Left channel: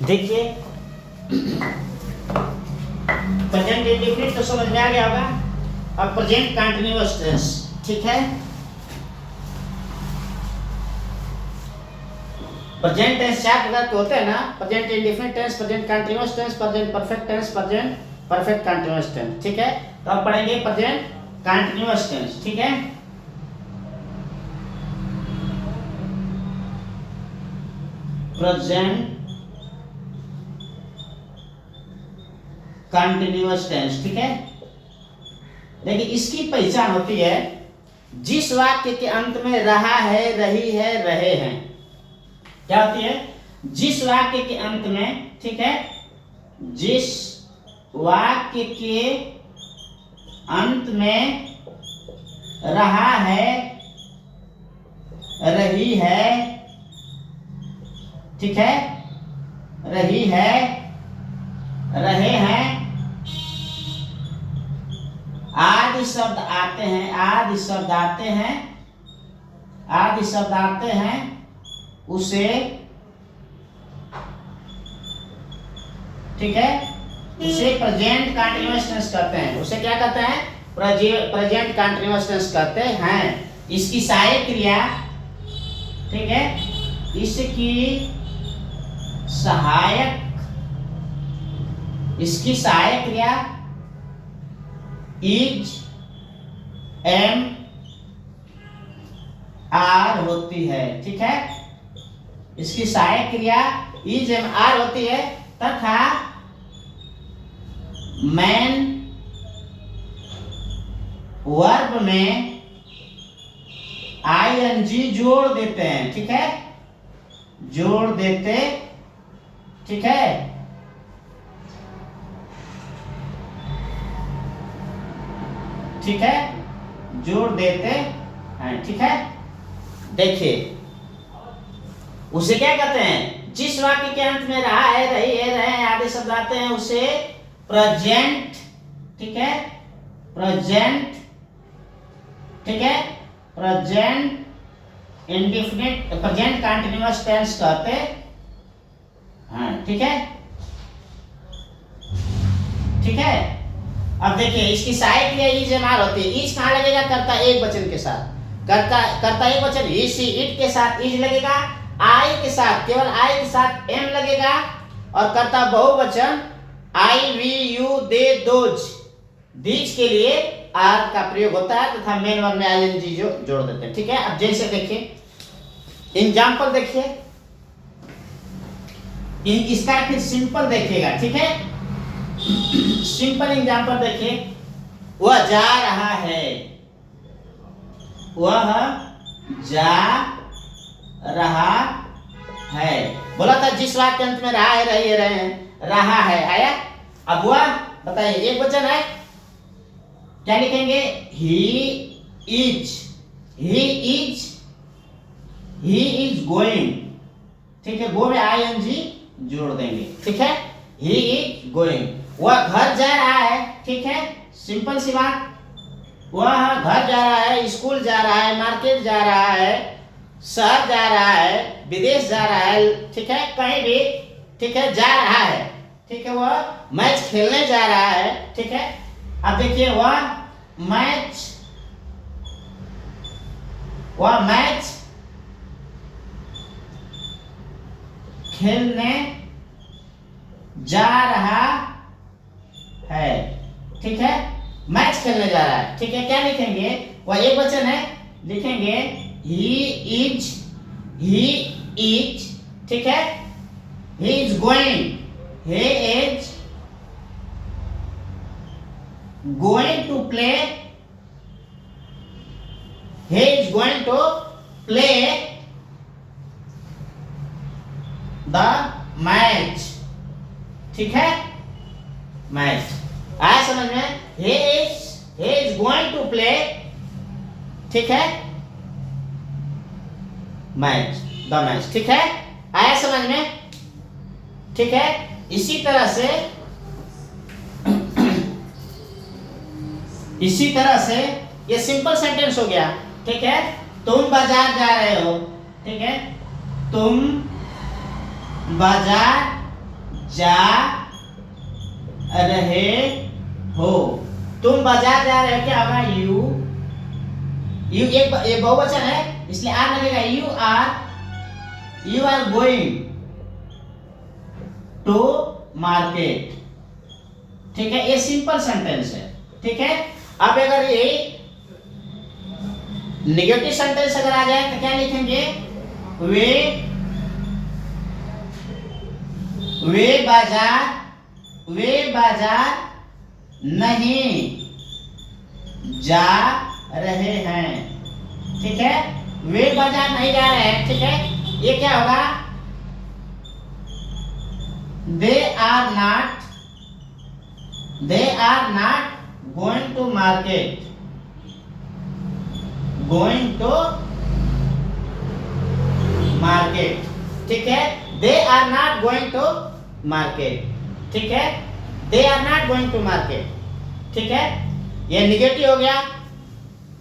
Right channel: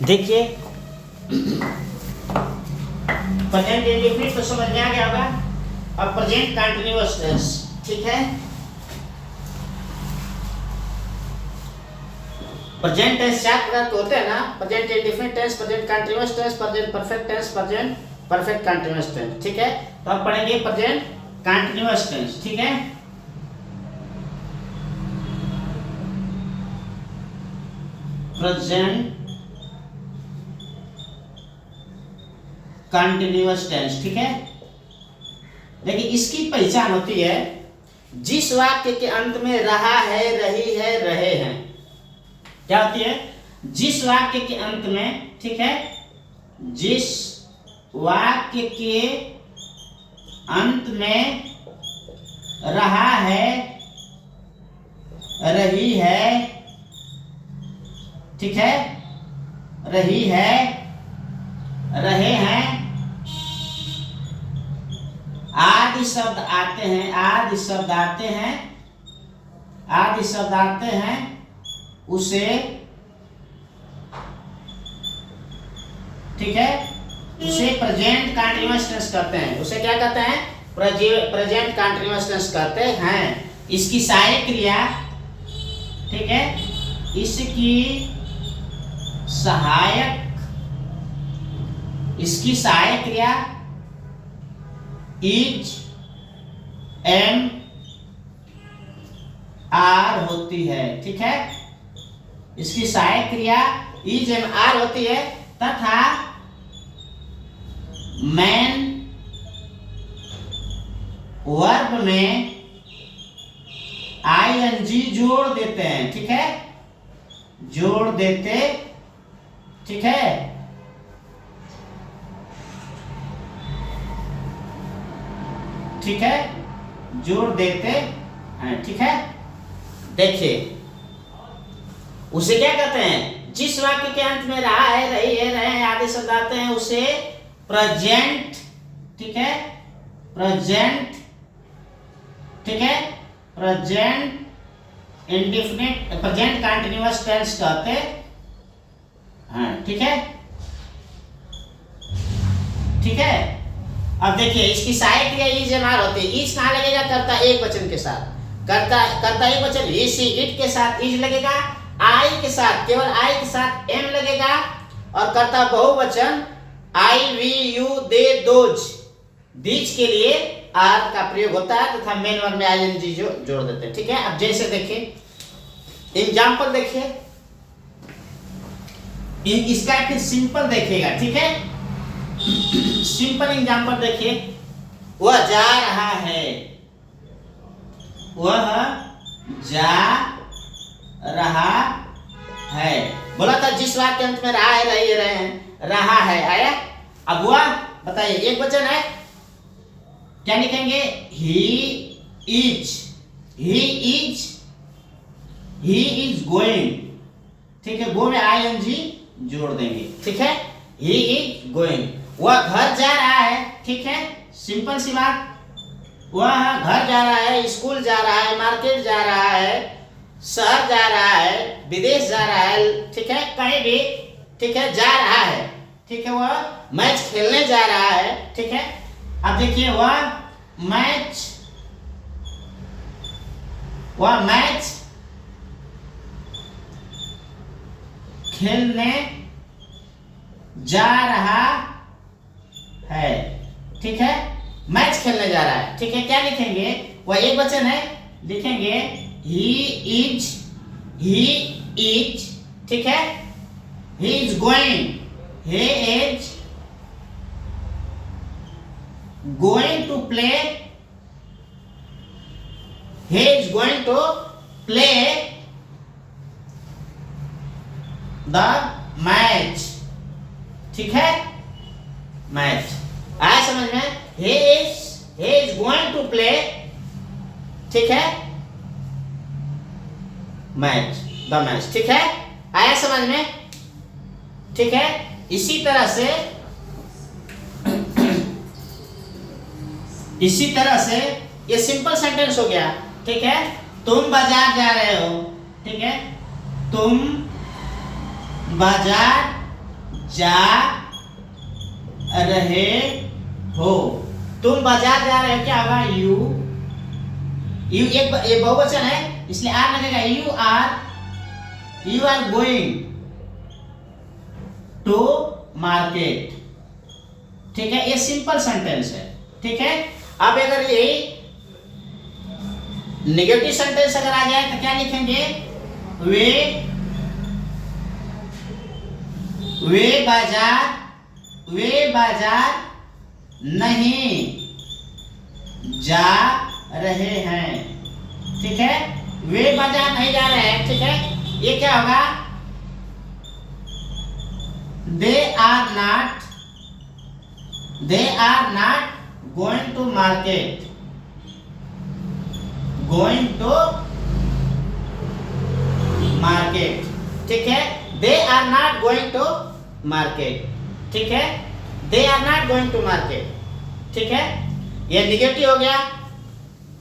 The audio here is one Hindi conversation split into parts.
देखिए प्रेजेंट इंडेफिनिट तो समझ में आ गया होगा। अब प्रेजेंट कंटीन्यूअस टेंस, ठीक है। प्रेजेंट टेंस चार प्रकार के होते हैं ना, present indefinite tense, present continuous tense, present perfect tense, present perfect continuous tense, ठीक है। तो अब पढ़ेंगे प्रेजेंट कंटीन्यूअस टेंस, ठीक है। प्रेजेंट कंटीन्यूअस टेंस, ठीक है। देखिए इसकी पहचान होती है जिस वाक्य के अंत में रहा है, रही है, रहे हैं। क्या होती है? जिस वाक्य के अंत में, ठीक है, जिस वाक्य के अंत में रहा है, रही है, ठीक है, रही है, रहे हैं, आदि शब्द आते हैं, आदि शब्द आते हैं, आदि शब्द आते हैं, उसे, ठीक है, उसे प्रेजेंट कंटीन्यूअस टेंस कहते हैं। उसे क्या कहते हैं? प्रेजेंट कंटीन्यूअस टेंस कहते हैं। इसकी सहायक क्रिया, ठीक है, इसकी सहायक, इसकी सहायक क्रिया इज, एम, आर होती है, ठीक है। इसकी सहायक क्रिया इज, एम, आर होती है तथा मैन वर्ब में आईएनजी जोड़ देते हैं, ठीक है, जोड़ देते, ठीक है, ठीक है, जोड़ देते हैं, ठीक है। देखिए उसे क्या कहते हैं? जिस वाक्य के अंत में रहा है, रही है, रहे हैं आदि शब्द आते हैं, उसे प्रेजेंट, ठीक है, प्रेजेंट, ठीक है, present indefinite, present continuous tense कहते हैं, ठीक है, ठीक है। अब देखिए इसकी सहायक क्रिया इज, एम, आर होती है। इज कहाँ लगेगा? कर्ता एक वचन के साथ, कर्ता एक वचन ही, सी, इट के साथ इज लगेगा, आई के साथ, केवल आई के साथ एम लगेगा, और कर्ता बहुवचन I, we, you, they, those, these के लिए आर का प्रयोग होता है तथा मेन वर्ब में आईएनजी जो जोड़ देते हैं, ठीक है। अब जैसे देखिए एग्जांपल देखिए, इसका फिर सिंपल देखिएगा, ठीक है। सिंपल एग्जांपल देखिए, वह जा रहा है, वह जा रहा है। बोला था जिस वाक्य के अंत में रहा है, रही है, रहे हैं, रहा है आया। अब वह बताइए एक वचन है, क्या लिखेंगे? He is, he is, he is going, ठीक है, गो में आईएनजी जोड़ देंगे, ठीक है, ही इज गोइंग। वह घर जा रहा है, ठीक है, सिंपल सी बात, वह घर जा रहा है, स्कूल जा रहा है, मार्केट जा रहा है, शहर जा रहा है, विदेश जा रहा है, ठीक है, कहीं भी, ठीक है, जा रहा है, ठीक है, वह मैच खेलने जा रहा है, ठीक है। अब देखिए वह मैच खेलने जा रहा है, ठीक है, मैच खेलने जा रहा है, ठीक है। क्या लिखेंगे? वह एक वचन है, लिखेंगे ही इज, ठीक है, he is going, he is going to play, he is going to play the match, ठीक है, मैच आया समझ में? he is going to play, ठीक है, मैच, द मैच, ठीक है, आया समझ में? ठीक है। इसी तरह से ये सिंपल सेंटेंस हो गया, ठीक है। तुम बाजार जा रहे हो, ठीक है, तुम बाजार जा रहे हो, तुम बाजार जा रहे हो, क्या होगा? यू एक बहुवचन है इसलिए आर लगेगा। You are going to market. ठीक है, ये सिंपल सेंटेंस है। ठीक है, अब अगर ये नेगेटिव सेंटेंस अगर आ जाए तो क्या लिखेंगे? वे बाजार नहीं जा रहे हैं। ठीक है, वे बाजार नहीं जा रहे हैं। ठीक है, ये क्या होगा? They are not going to market. ठीक है, they are not going to market. ठीक है, they are not going to market. ठीक है, ये निगेटिव हो गया।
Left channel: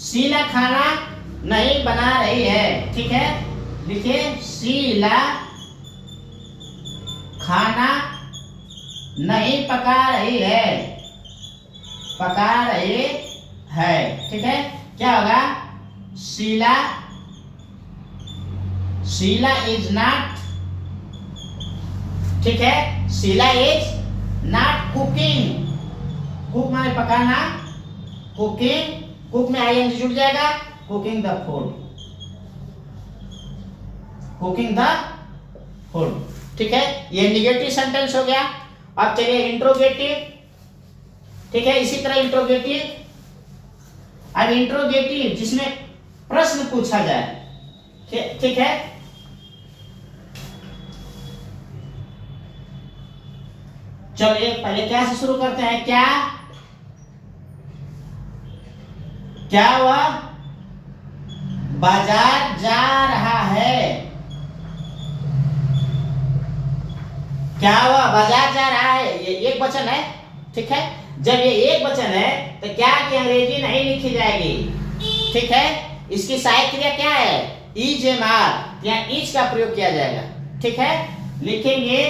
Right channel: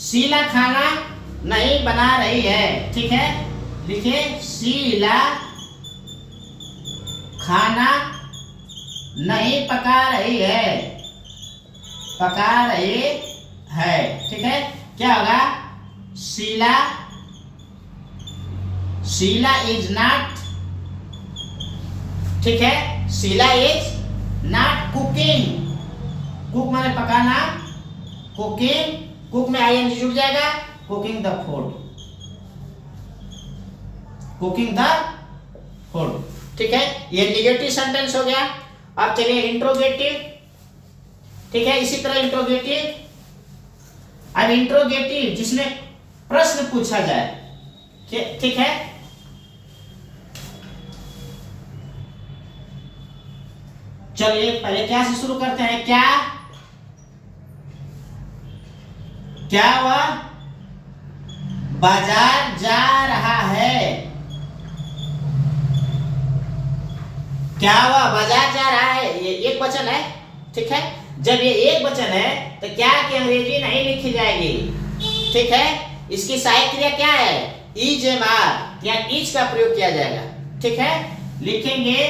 शीला खाना नहीं बना रही है। ठीक है, लिखिए शीला खाना नहीं पका रही है। ठीक है, क्या होगा? Sheela is not. ठीक है, Sheela is not cooking. Cook माने पकाना, कुक में आईएनजी जुड़ जाएगा। Cooking the food. ठीक है, ये निगेटिव सेंटेंस हो गया। अब चलिए इंट्रोगेटिव। ठीक है, इसी तरह इंट्रोगेटिव। अब इंट्रोगेटिव जिसमें प्रश्न पूछा जाए। ठीक है, चलिए पहले क्या से शुरू करते हैं? क्या वह बाजार जा रहा है? क्या वह बाजार जा रहा है? ये एक वचन है। ठीक है, जब ये एक वचन है तो क्या की अंग्रेजी नहीं लिखी जाएगी। ठीक है, इसकी सहायक क्रिया क्या है? इज एम आर या इज का प्रयोग किया जाएगा। ठीक है, लिखेंगे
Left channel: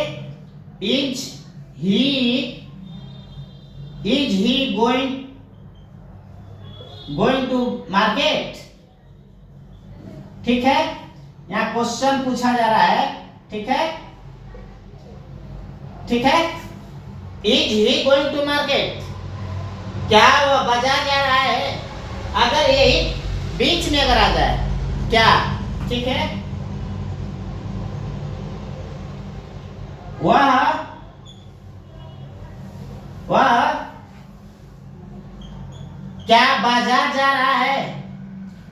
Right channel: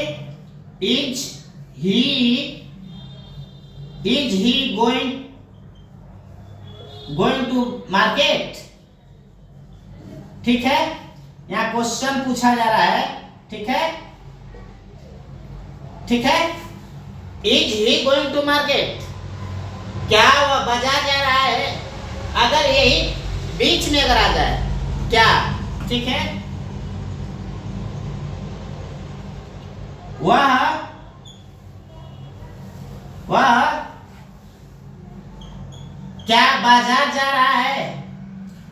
is he going to market. ठीक है, यहाँ क्वेश्चन पूछा जा रहा है। ठीक है, is he going to market? क्या वह बाजार जा रहा है? अगर यही बीच में अगर आ जाए क्या? ठीक है, वह क्या बाजार जा रहा है?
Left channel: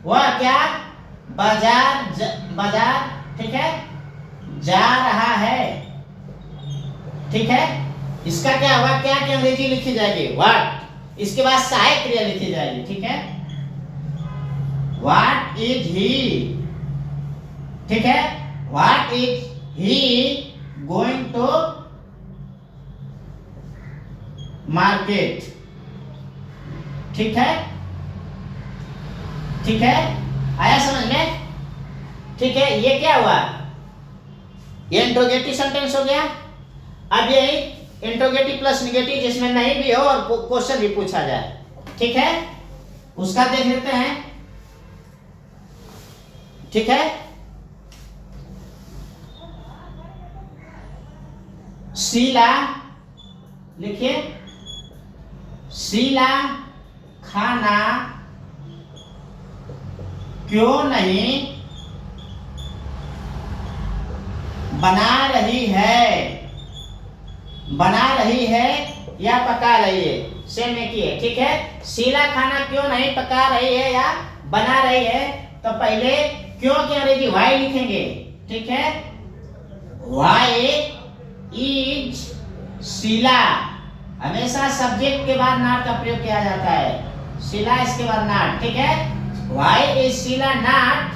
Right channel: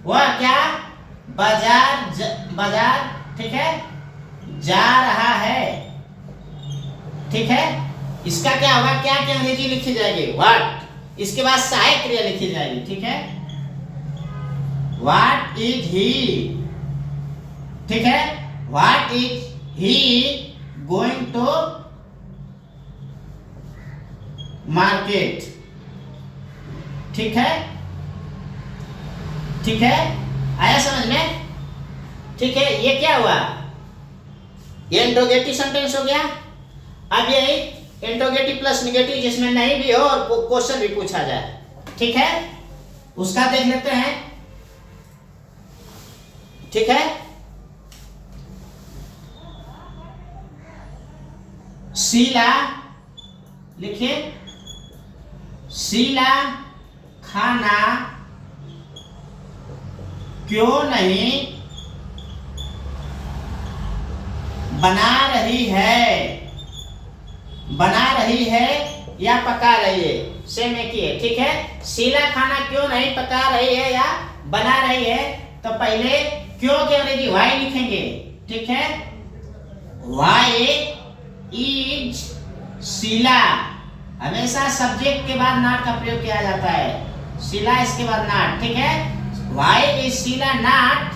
वह क्या बाजार ठीक है जा रहा है। ठीक है, इसका क्या होगा? क्या की अंग्रेजी लिखी जाएगी? व्हाट। इसके बाद सहायक क्रिया लिखी जाएगी। ठीक है, व्हाट इज ही। ठीक है, what is he going to market. ठीक है, आया समझ में? ठीक है, ये क्या हुआ? ये इंट्रोगेटिव सेंटेंस हो गया। अब यही इंट्रोगेटिव प्लस निगेटिव जिसमें नहीं भी हो और क्वेश्चन भी पूछा जाए। ठीक है, उसका देख लेते हैं। ठीक है, शीला लिखिए शीला खाना क्यों नहीं बना रही है या पका रही है? सेम एक ही है। ठीक है, शीला खाना क्यों नहीं पका रही है या बना रही है? तो पहले क्यों की अंग्रेजी वाई लिखेंगे। ठीक है, वाई इज शीला। हमेशा सब्जेक्ट के बाद नॉट का प्रयोग किया जाता है। शीला इसके बाद नॉट। ठीक है, why is Sheela not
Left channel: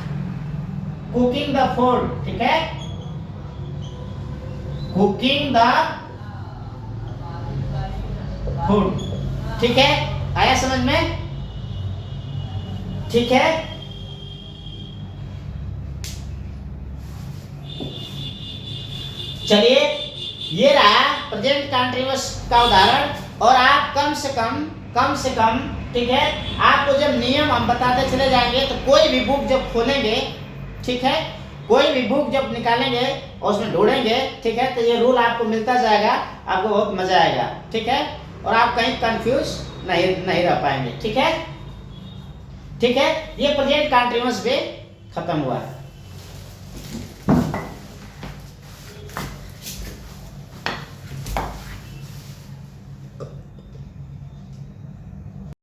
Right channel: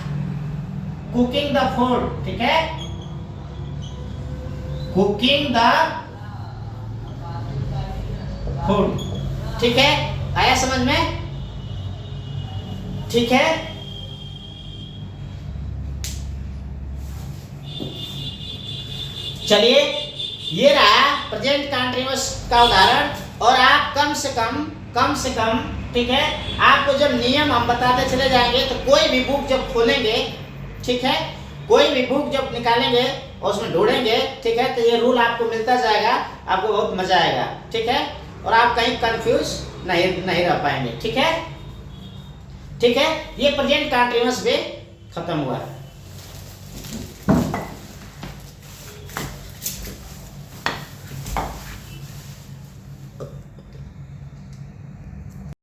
cooking the food. ठीक है, कुकिंग द फूड। ठीक है, आया समझ में? ठीक है, चलिए ये रहा प्रेजेंट कंटिन्यूअस का उदाहरण। और आप कम से कम ठीक है, आपको जब नियम हम बताते चले जाएंगे तो कोई भी बुक जब खोलेंगे, ठीक है, कोई भी बुक जब निकालेंगे और उसमें ढूंढेंगे, ठीक है, तो ये रूल आपको मिलता जाएगा, आपको बहुत मजा आएगा, ठीक है, और आप कहीं कंफ्यूज नहीं रह पाएंगे, ठीक है। ये प्रेजेंट कंटिन्यूअस भी खत्म हुआ है।